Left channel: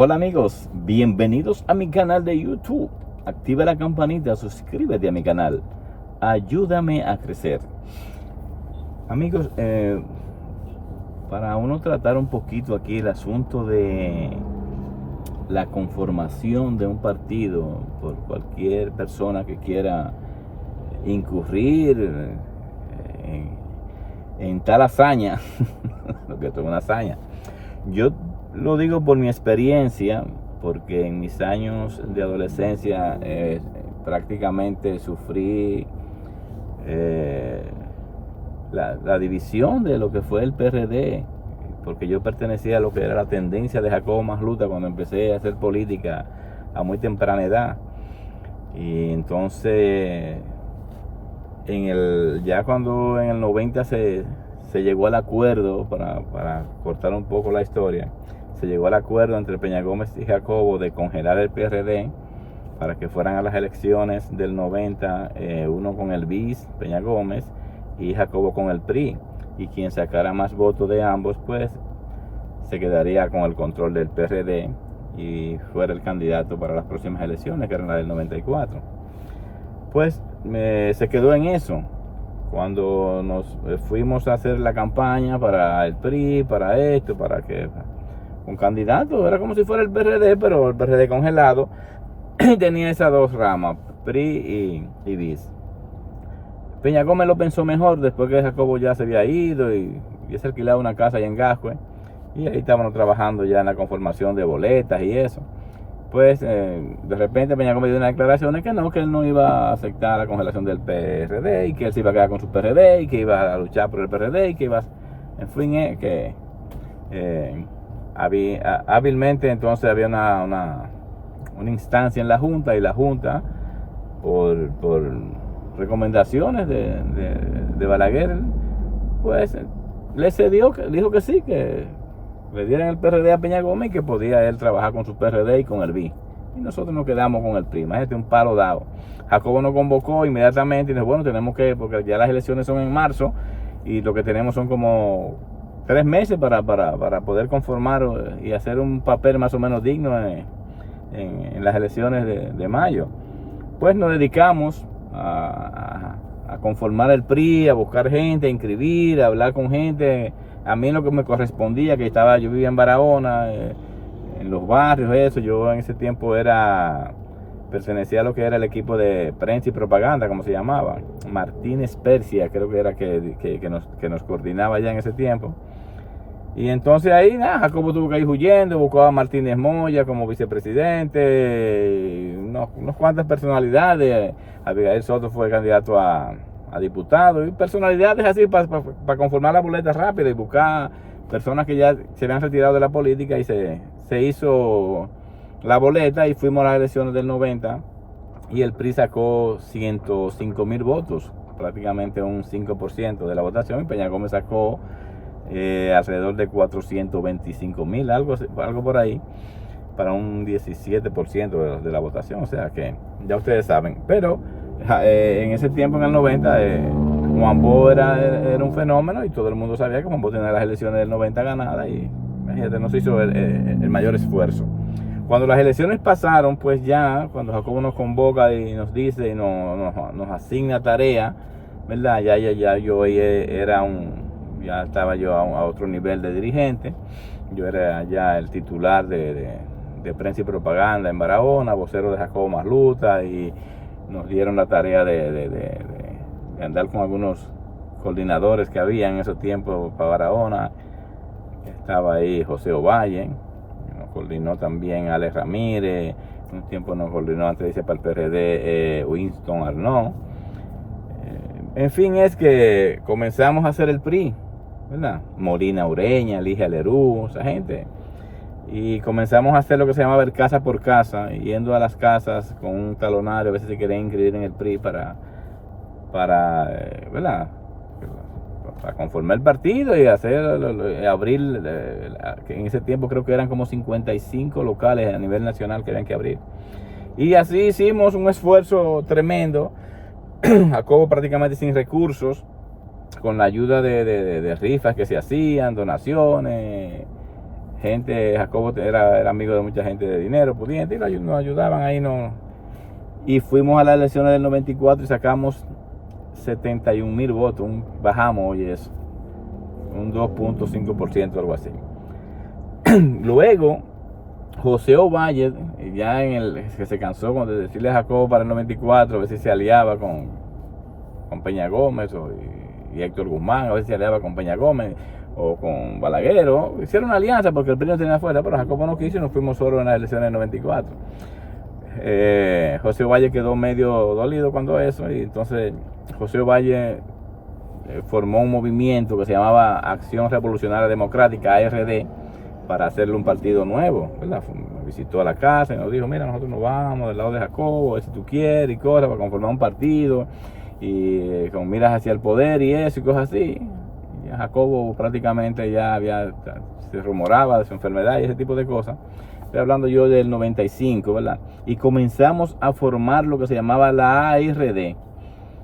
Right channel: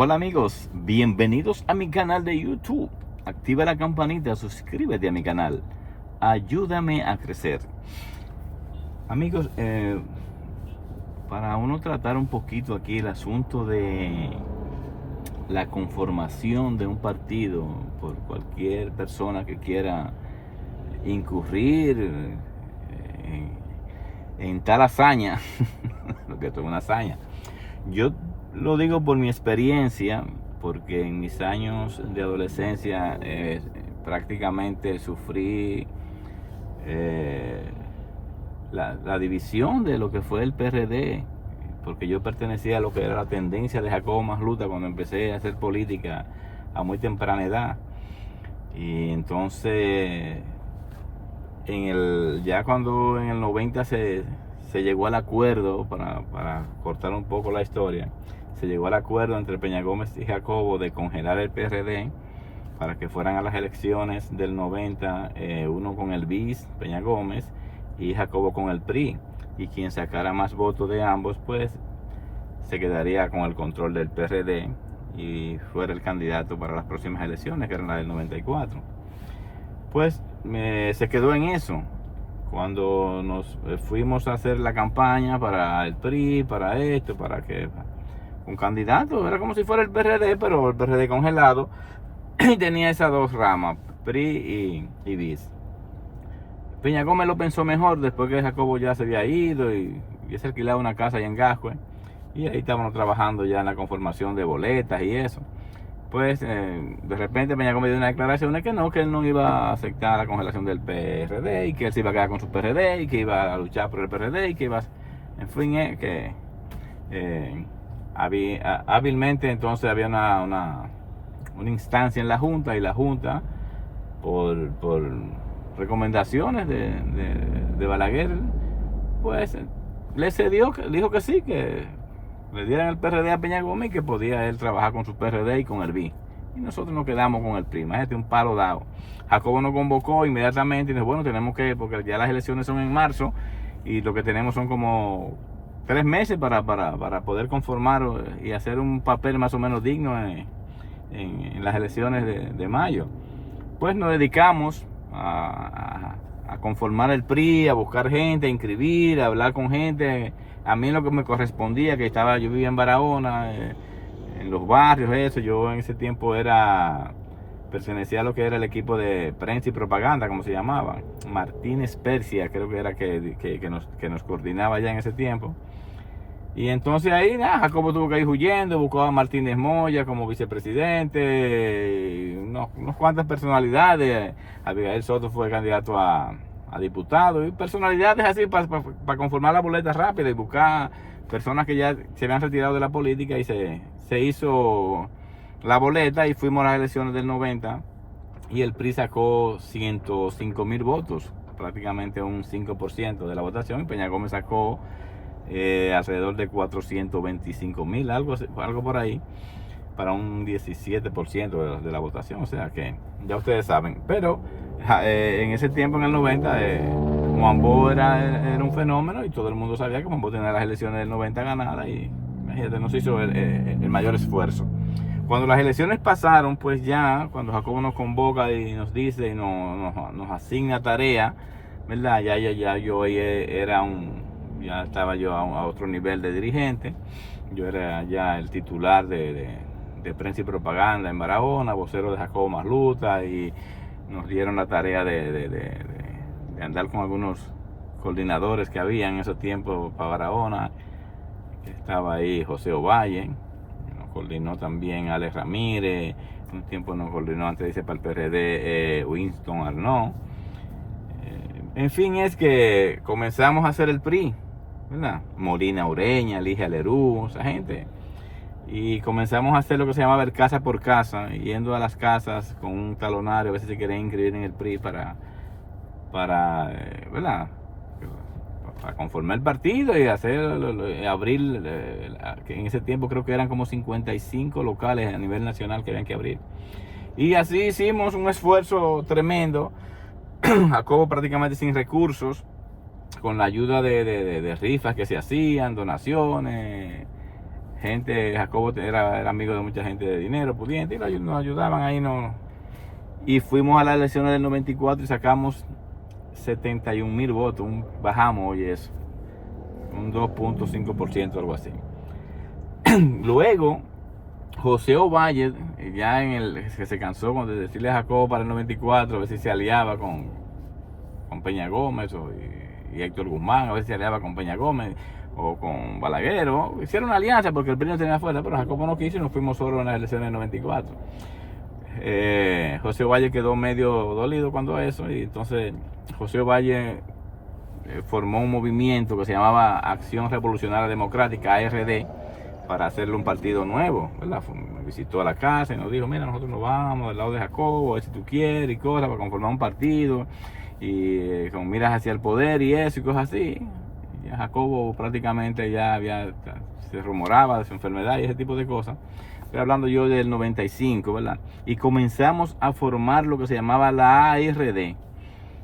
Hola amigos, bienvenidos a mi canal de YouTube. Activa la campanita, suscríbete a mi canal. Ayúdame a crecer. Amigos, para uno tratar un poquito aquí el asunto de la conformación de un partido por cualquier persona que quiera incurrir en tal hazaña, lo que es una hazaña. Yo lo digo por mi experiencia, porque en mis años de adolescencia prácticamente sufrí la división de lo que fue el PRD, porque yo pertenecía a lo que era la tendencia de Jacobo Masluta cuando empecé a hacer política a muy temprana edad. Y entonces, ya cuando en el 90 se llegó al acuerdo, para cortar un poco la historia, se llegó al acuerdo entre Peña Gómez y Jacobo de congelar el PRD para que fueran a las elecciones del 90, uno con el BIS, Peña Gómez, y Jacobo con el PRI. Y quien sacara más votos de ambos, pues se quedaría con el control del PRD y fuera el candidato para las próximas elecciones, que eran las del 94. Pues se quedó en eso. Cuando nos fuimos a hacer la campaña para el PRI, para esto, para que un candidato, era como si fuera el PRD, pero el PRD congelado, y tenía esas dos ramas, PRI y BIS. Peña Gómez lo pensó mejor después que Jacobo ya se había ido y se alquilaba una casa allá en Gascue, y ahí estábamos trabajando ya en la conformación de boletas y eso. Pues de repente Peña Gómez dio una declaración de que él no iba a aceptar la congelación del PRD y que él se iba a quedar con su PRD y que iba a luchar por el PRD y que iba, en fin, que hábilmente entonces había una instancia en la Junta, y la Junta, por recomendaciones de Balaguer, pues le cedió, dijo que sí, que le dieran el PRD a Peña Gómez y que podía él trabajar con su PRD y con el BI. Y nosotros nos quedamos con el PRI. Imagínate, un palo dado. Jacobo nos convocó inmediatamente y dijo, bueno, tenemos que, porque ya las elecciones son en marzo y lo que tenemos son como 3 meses para poder conformar y hacer un papel más o menos digno en las elecciones de mayo. Pues nos dedicamos a conformar el PRI, a buscar gente, a inscribir, a hablar con gente. A mí lo que me correspondía, yo vivía en Barahona, en los barrios, eso. Yo en ese tiempo pertenecía a lo que era el equipo de prensa y propaganda, como se llamaba. Martínez Persia, creo que era que nos coordinaba ya en ese tiempo. Y entonces ahí, Jacobo tuvo que ir huyendo, buscó a Martínez Moya como vicepresidente, unas cuantas personalidades. Abigail Soto fue candidato a diputado, y personalidades así para conformar la boleta rápida y buscar personas que ya se habían retirado de la política, y se hizo la boleta y fuimos a las elecciones del 90 y el PRI sacó 105,000 votos, prácticamente un 5% de la votación, y Peña Gómez sacó alrededor de 425,000, algo por ahí, para un 17% de la votación. O sea que ya ustedes saben. Pero en ese tiempo, en el 90, Juan Bo era un fenómeno, y todo el mundo sabía que Juan Bo tenía las elecciones del 90 ganadas, y imagínate, no se hizo el mayor esfuerzo. Cuando las elecciones pasaron, pues ya, cuando Jacobo nos convoca y nos dice y nos asigna tarea, ¿verdad? Ya yo ya estaba yo a otro nivel de dirigente. Yo era ya el titular de prensa y propaganda en Barahona, vocero de Jacobo Masluta, y nos dieron la tarea de andar con algunos coordinadores que había en ese tiempo para Barahona. Estaba ahí José Ovalle, nos coordinó también Alex Ramírez, un tiempo nos coordinó, antes dice, para el PRD, Winston Arnaud. En fin, es que comenzamos a hacer el PRI, ¿verdad? Molina Ureña, Ligia Lerú, esa gente. Y comenzamos a hacer lo que se llamaba el casa por casa, yendo a las casas con un talonario, a veces se querían inscribir en el PRI para ¿verdad? Para conformar el partido y abrir, que en ese tiempo creo que eran como 55 locales a nivel nacional que habían que abrir. Y así hicimos un esfuerzo tremendo, Jacobo prácticamente sin recursos, con la ayuda de rifas que se hacían, donaciones, gente, Jacobo era amigo de mucha gente de dinero, pudiente, y nos ayudaban ahí, no. Y fuimos a las elecciones del 94 y sacamos 71,000 votos, bajamos hoy eso, un 2.5%, algo así. Luego, José Ovalle, ya que se cansó de decirle a Jacobo para el 94, a ver si se aliaba con Peña Gómez y Héctor Guzmán, a ver si se aliaba con Peña Gómez o con Balaguer, hicieron una alianza porque el PRI no tenía afuera, pero Jacobo no quiso y nos fuimos solos en las elecciones del 94. José Ovalle quedó medio dolido cuando eso, y entonces José Ovalle formó un movimiento que se llamaba Acción Revolucionaria Democrática, ARD, para hacerle un partido nuevo, ¿verdad? Me visitó a la casa y nos dijo, mira, nosotros nos vamos del lado de Jacobo, a ver si tú quieres y cosas, para conformar un partido y con miras hacia el poder y eso y cosas así. Y Jacobo prácticamente ya se rumoraba de su enfermedad y ese tipo de cosas. Estoy hablando yo del 95, ¿verdad? Y comenzamos a formar lo que se llamaba la ARD.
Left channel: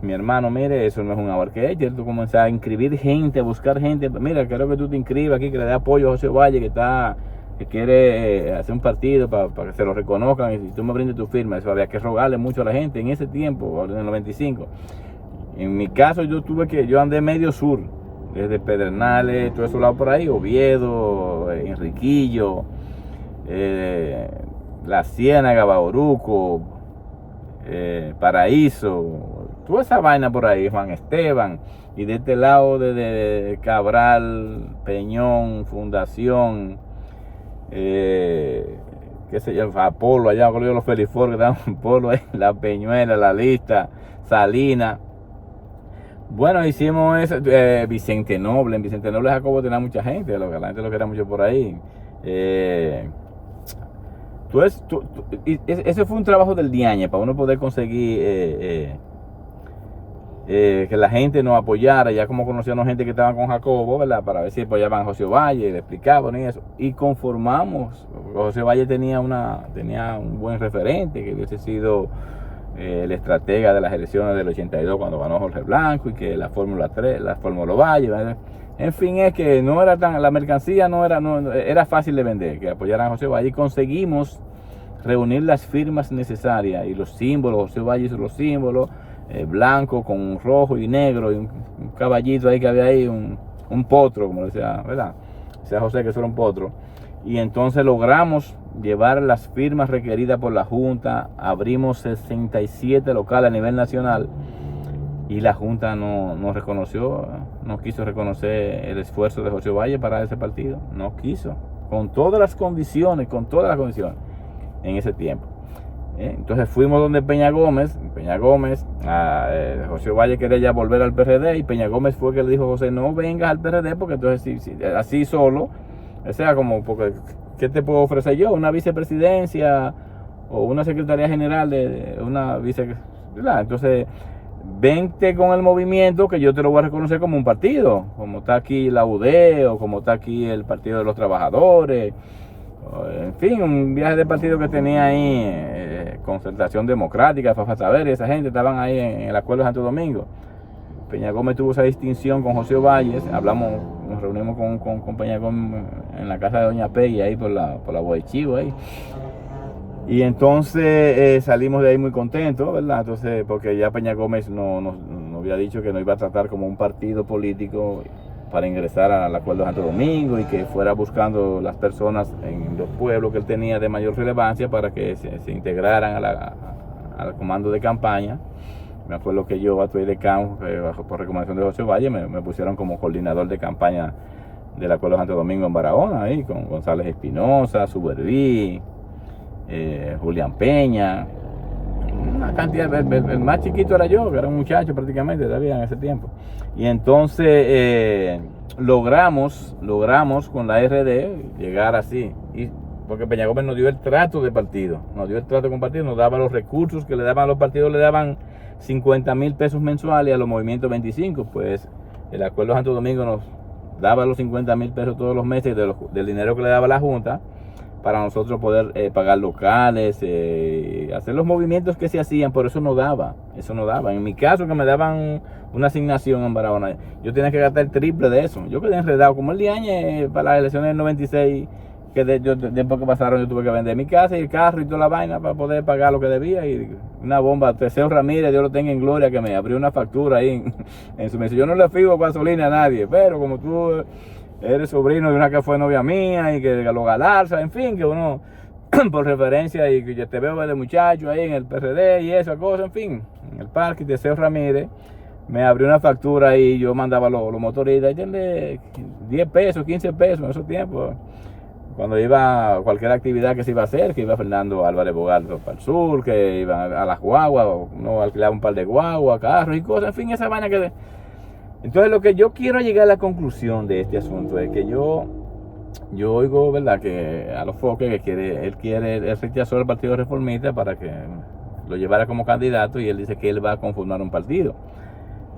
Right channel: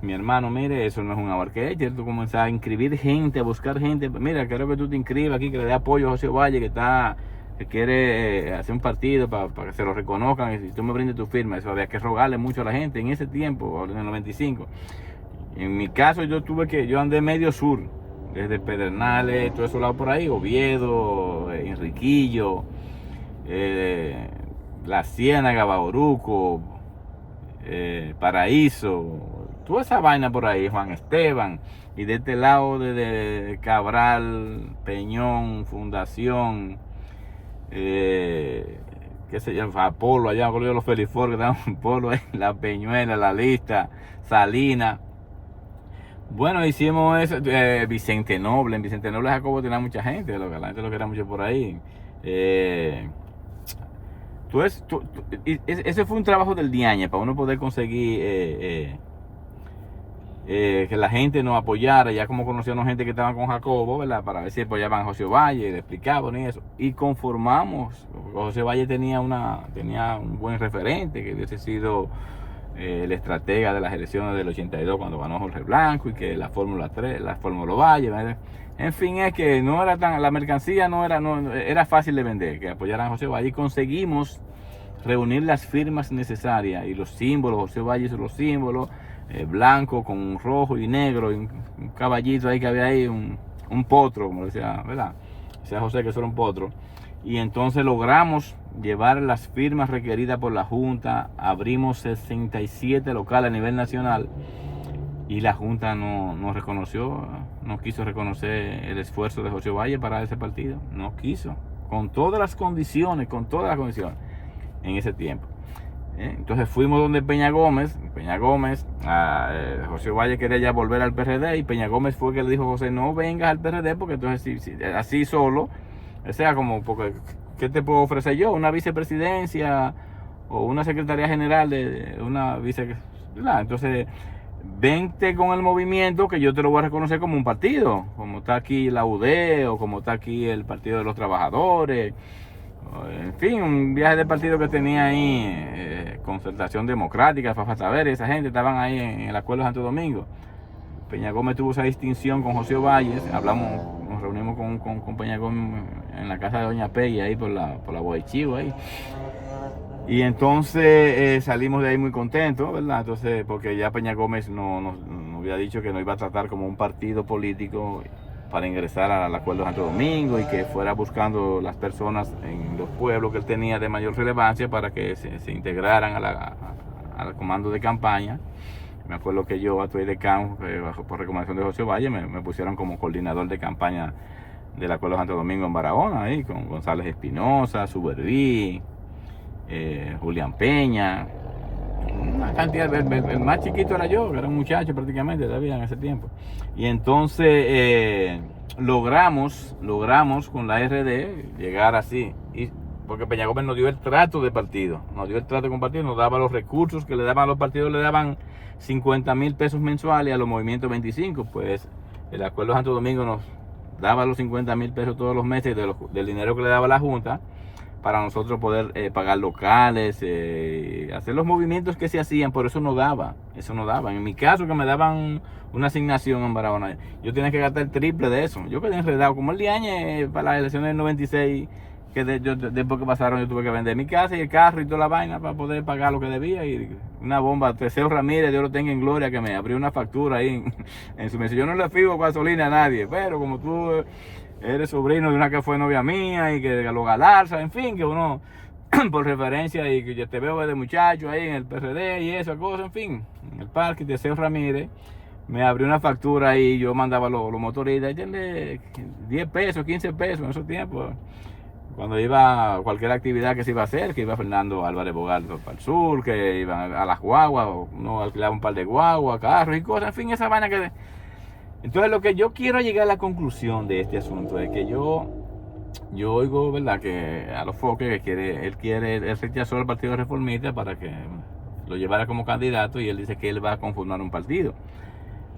Mi hermano, mire, eso no es un abarquete, tú comienzas a inscribir gente, a buscar gente. Mira, quiero que tú te inscribas aquí, que le dé apoyo a José Valle, que quiere hacer un partido para que se lo reconozcan. Y si tú me brindes tu firma, eso había que rogarle mucho a la gente en ese tiempo, en el 95. En mi caso, yo andé medio sur, desde Pedernales, todo eso lado por ahí, Oviedo, Enriquillo, La Ciénaga, Bauruco, Paraíso, toda esa vaina por ahí, Juan Esteban, y de este lado de Cabral, Peñón, Fundación, qué sé yo, Apolo, allá con los Felifor, que estaban en Polo, La Peñuela, La Lista, Salina. Bueno, hicimos eso, Vicente Noble. En Vicente Noble Jacobo tenía mucha gente, la gente lo quería mucho por ahí. Ese fue un trabajo del Diañe para uno poder conseguir que la gente nos apoyara, ya como conocíamos gente que estaba con Jacobo, ¿verdad? Para ver si apoyaban a José Valle, le explicaban y eso. Y conformamos. José Valle tenía un buen referente, que hubiese sido el estratega de las elecciones del 82 cuando ganó Jorge Blanco, y que la Fórmula 3, la Fórmula Valle, ¿verdad? En fin, es que no era la mercancía era fácil de vender, que apoyaran a José Valle, y conseguimos reunir las firmas necesarias y los símbolos. José Valle hizo los símbolos, blanco con rojo y negro, y un caballito ahí que había ahí, un potro, como decía, ¿verdad? Decía José que eso era un potro. Y entonces logramos llevar las firmas requeridas por la Junta, abrimos 67 locales a nivel nacional, y la Junta no quiso reconocer el esfuerzo de José Valle para ese partido, no quiso, con todas las condiciones, en ese tiempo. Entonces fuimos donde Peña Gómez, José Valle quería ya volver al PRD, y Peña Gómez fue que le dijo a José, no vengas al PRD, porque entonces así solo, o sea, porque ¿qué te puedo ofrecer yo? ¿Una vicepresidencia o una secretaría general de una vicepresidencia? Entonces, vente con el movimiento, que yo te lo voy a reconocer como un partido, como está aquí la UD, o como está aquí el Partido de los Trabajadores. En fin, un viaje de partido que tenía ahí, Concertación Democrática, Fafa Saber, esa gente estaban ahí en el Acuerdo de Santo Domingo. Peña Gómez tuvo esa distinción con José Valles, nos reunimos con Peña Gómez en la casa de Doña Peggy, ahí por la Boichivo, ahí. Y entonces salimos de ahí muy contentos, ¿verdad? Entonces, porque ya Peña Gómez nos había dicho que nos iba a tratar como un partido político para ingresar al Acuerdo de Santo Domingo, y que fuera buscando las personas en los pueblos que él tenía de mayor relevancia para que se integraran al comando de campaña. Me acuerdo que yo actué de campo, por recomendación de José Valle, me pusieron como coordinador de campaña del Acuerdo de Santo Domingo en Barahona, ahí con González Espinosa, Suberví, Julián Peña, una cantidad. El más chiquito era yo, que era un muchacho prácticamente todavía en ese tiempo. Y entonces logramos con la RD llegar así, porque Peña Gómez nos dio el trato de partido, nos daba los recursos que le daban a los partidos, le daban 50,000 pesos mensuales, a los movimientos 25, pues el Acuerdo de Santo Domingo nos daba los 50,000 pesos todos los meses del dinero que le daba la Junta, para nosotros poder pagar locales, hacer los movimientos que se hacían. Por eso no daba. En mi caso, que me daban una asignación en Barahona, yo tenía que gastar el triple de eso. Yo quedé enredado, como el Diañe para las elecciones del 96, que después que pasaron yo tuve que vender mi casa y el carro y toda la vaina para poder pagar lo que debía. Y una bomba, Teseo Ramírez, Dios lo tenga en gloria, que me abrió una factura ahí en su mesa. Yo no le fijo gasolina a nadie, pero como tú eres sobrino de una que fue novia mía y que lo Galarza, en fin, que uno por referencia y que yo te veo de muchacho ahí en el PRD y esa cosa, en fin, en el parque, Teseo Ramírez me abrió una factura y yo mandaba los motoristas, denle 10 pesos, 15 pesos en esos tiempos. Cuando iba a cualquier actividad que se iba a hacer, que iba Fernando Álvarez Bogal para el sur, que iban a las guaguas, uno alquilaba un par de guaguas, carros y cosas, en fin, esa vaina que... Entonces lo que yo quiero llegar a la conclusión de este asunto es que yo oigo, ¿verdad?, que a los Foques, que él rechazó el Partido Reformista para que lo llevara como candidato y él dice que él va a conformar un partido.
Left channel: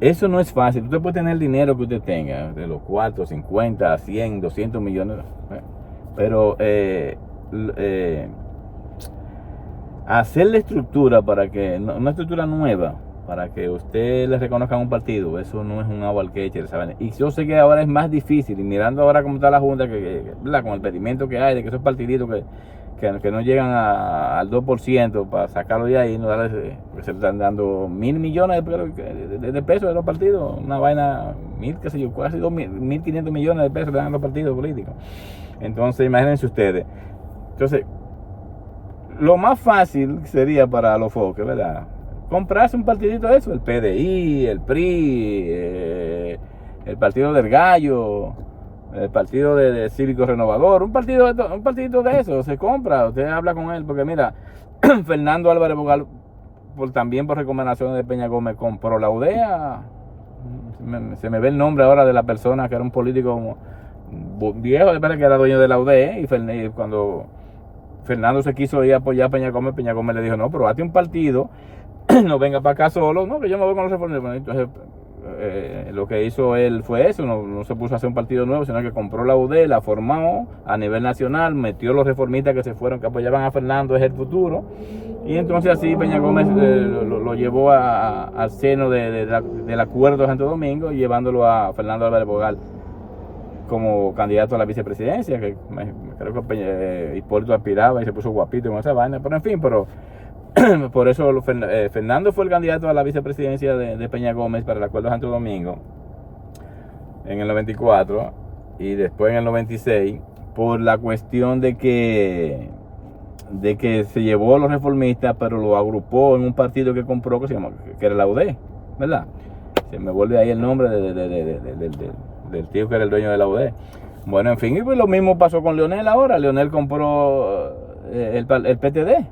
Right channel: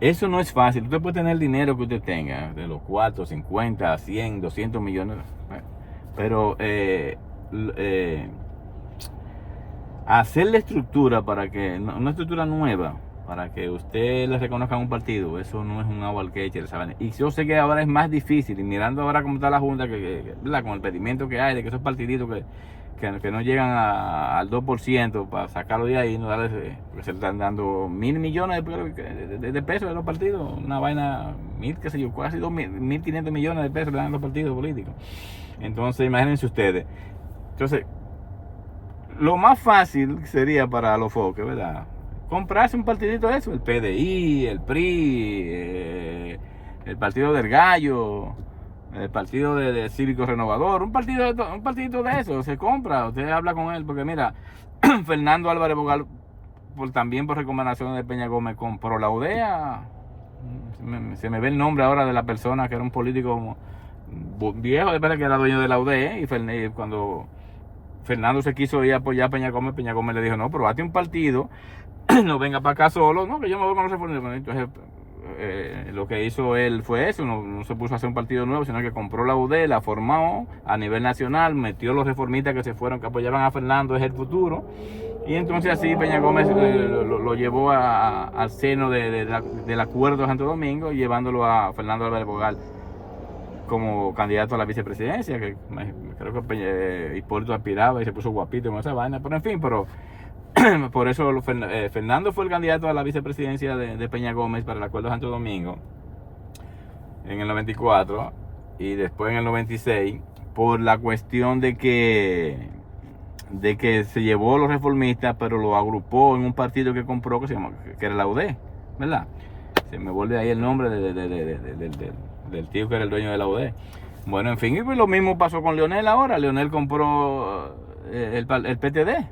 Eso no es fácil. Usted puede tener el dinero que usted tenga, de los 4, 50, 100, 200 millones, pero hacer la estructura para que, una estructura nueva, para que usted le reconozca un partido, eso no es un agua al queche, ¿saben? Y yo sé que ahora es más difícil, y mirando ahora cómo está la Junta, con el pedimento que hay, de que esos partiditos que no llegan al 2% para sacarlo de ahí, porque se están dando 1.000 millones de pesos de los partidos, una vaina, qué sé yo, casi 1.500 millones de pesos le dan a los partidos políticos. Entonces, imagínense ustedes. Entonces, lo más fácil sería para los Foques, ¿verdad?, comprarse un partidito de eso, el PDI, el PRI, el Partido del Gallo, el Partido de Cívico Renovador, un partidito de eso, se compra, usted habla con él, porque mira, Fernando Álvarez Bogal, también por recomendaciones de Peña Gómez, compró la UDEA, se me ve el nombre ahora de la persona que era un político viejo, después que era dueño de la UDEA, y cuando Fernando se quiso ir a apoyar a Peña Gómez le dijo, no, pero hazte un partido, no venga para acá solo, no, que yo me voy con los reformistas. Entonces, lo que hizo él fue eso, no se puso a hacer un partido nuevo, sino que compró la UD, la formó a nivel nacional, metió los reformistas que se fueron, que apoyaban a Fernando, es el futuro, y entonces así Peña Gómez lo llevó al seno del acuerdo de Santo Domingo, llevándolo a Fernando Álvarez Bogal como candidato a la vicepresidencia, que creo que Hipólito aspiraba y se puso guapito con esa vaina, pero en fin, por eso Fernando fue el candidato a la vicepresidencia de Peña Gómez para el acuerdo de Santo Domingo en el 94 y después en el 96 por la cuestión de que se llevó a los reformistas, pero lo agrupó en un partido que compró que era la UD, ¿verdad? Se me vuelve ahí el nombre del tío que era el dueño de la UD. Bueno, en fin, y pues lo mismo pasó con Leonel ahora. Leonel compró el PTD,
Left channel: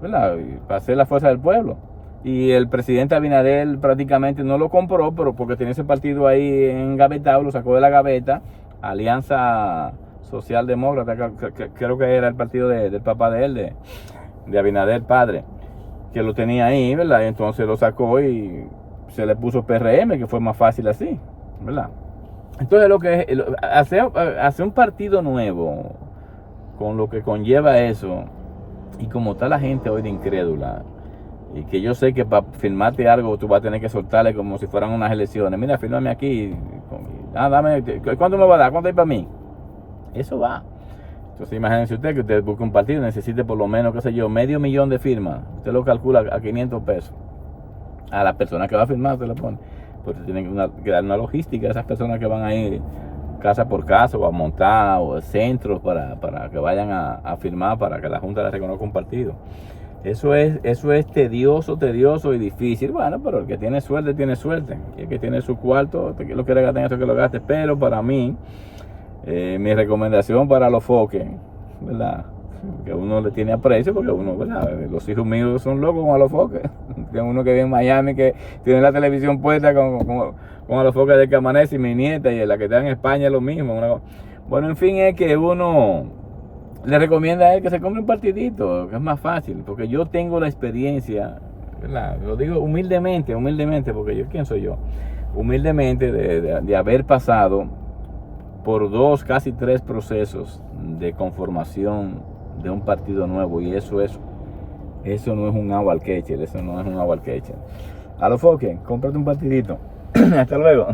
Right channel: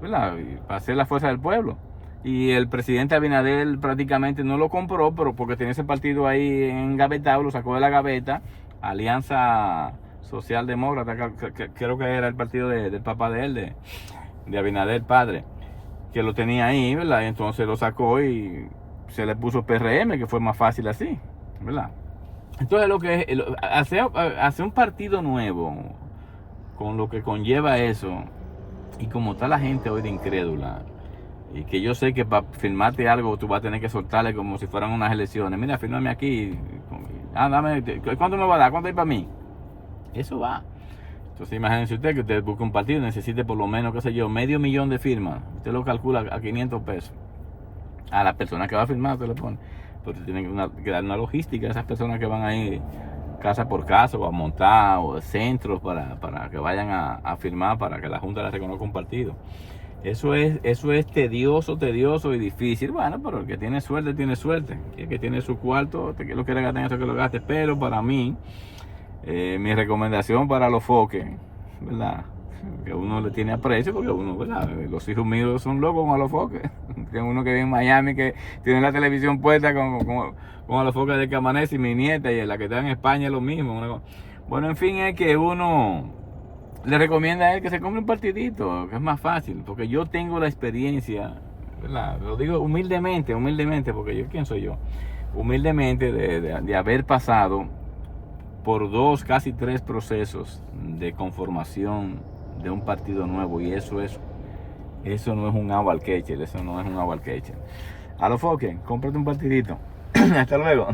¿verdad?, para hacer la fuerza del pueblo. Y el presidente Abinader prácticamente no lo compró, pero porque tenía ese partido ahí engavetado, lo sacó de la gaveta, Alianza Social Demócrata, creo que era el partido del papá de él, de Abinader padre, que lo tenía ahí, ¿verdad? Entonces lo sacó y se le puso PRM, que fue más fácil así, ¿verdad? Entonces lo que es hacer un partido nuevo, con lo que conlleva eso, y como está la gente hoy de incrédula, y que yo sé que para firmarte algo tú vas a tener que soltarle como si fueran unas elecciones. Mira, fírmame aquí, dame, ¿cuánto me va a dar? ¿Cuánto hay para mí? Eso va. Entonces imagínense usted que usted busca un partido, necesite por lo menos, qué sé yo, 500,000 de firmas. Usted lo calcula a 500 pesos. A la persona que va a firmar, usted le pone. Porque tiene que dar una logística a esas personas que van a ir casa por casa o a montar o centros para que vayan a firmar, para que la Junta les reconozca un partido. Eso es tedioso y difícil. Bueno, pero el que tiene suerte, tiene suerte. Y el que tiene su cuarto, que lo quiere gastar en eso, que lo gaste. Pero para mí, mi recomendación para los Foques, ¿verdad?, que uno le tiene aprecio, porque uno, ¿verdad?, los hijos míos son locos con los Foques. Tengo uno que vive en Miami, que tiene la televisión puesta con los Foques de que amanece, y mi nieta, y la que está en España es lo mismo. Bueno, en fin, es que uno le recomienda a él que se compre un partidito, que es más fácil, porque yo tengo la experiencia, ¿verdad?, lo digo humildemente, porque ¿quién soy yo? Humildemente de haber pasado por 2, casi 3 procesos de conformación de un partido nuevo, y eso no es un agua al queche, A los Foques, cómprate un partidito. Hasta luego.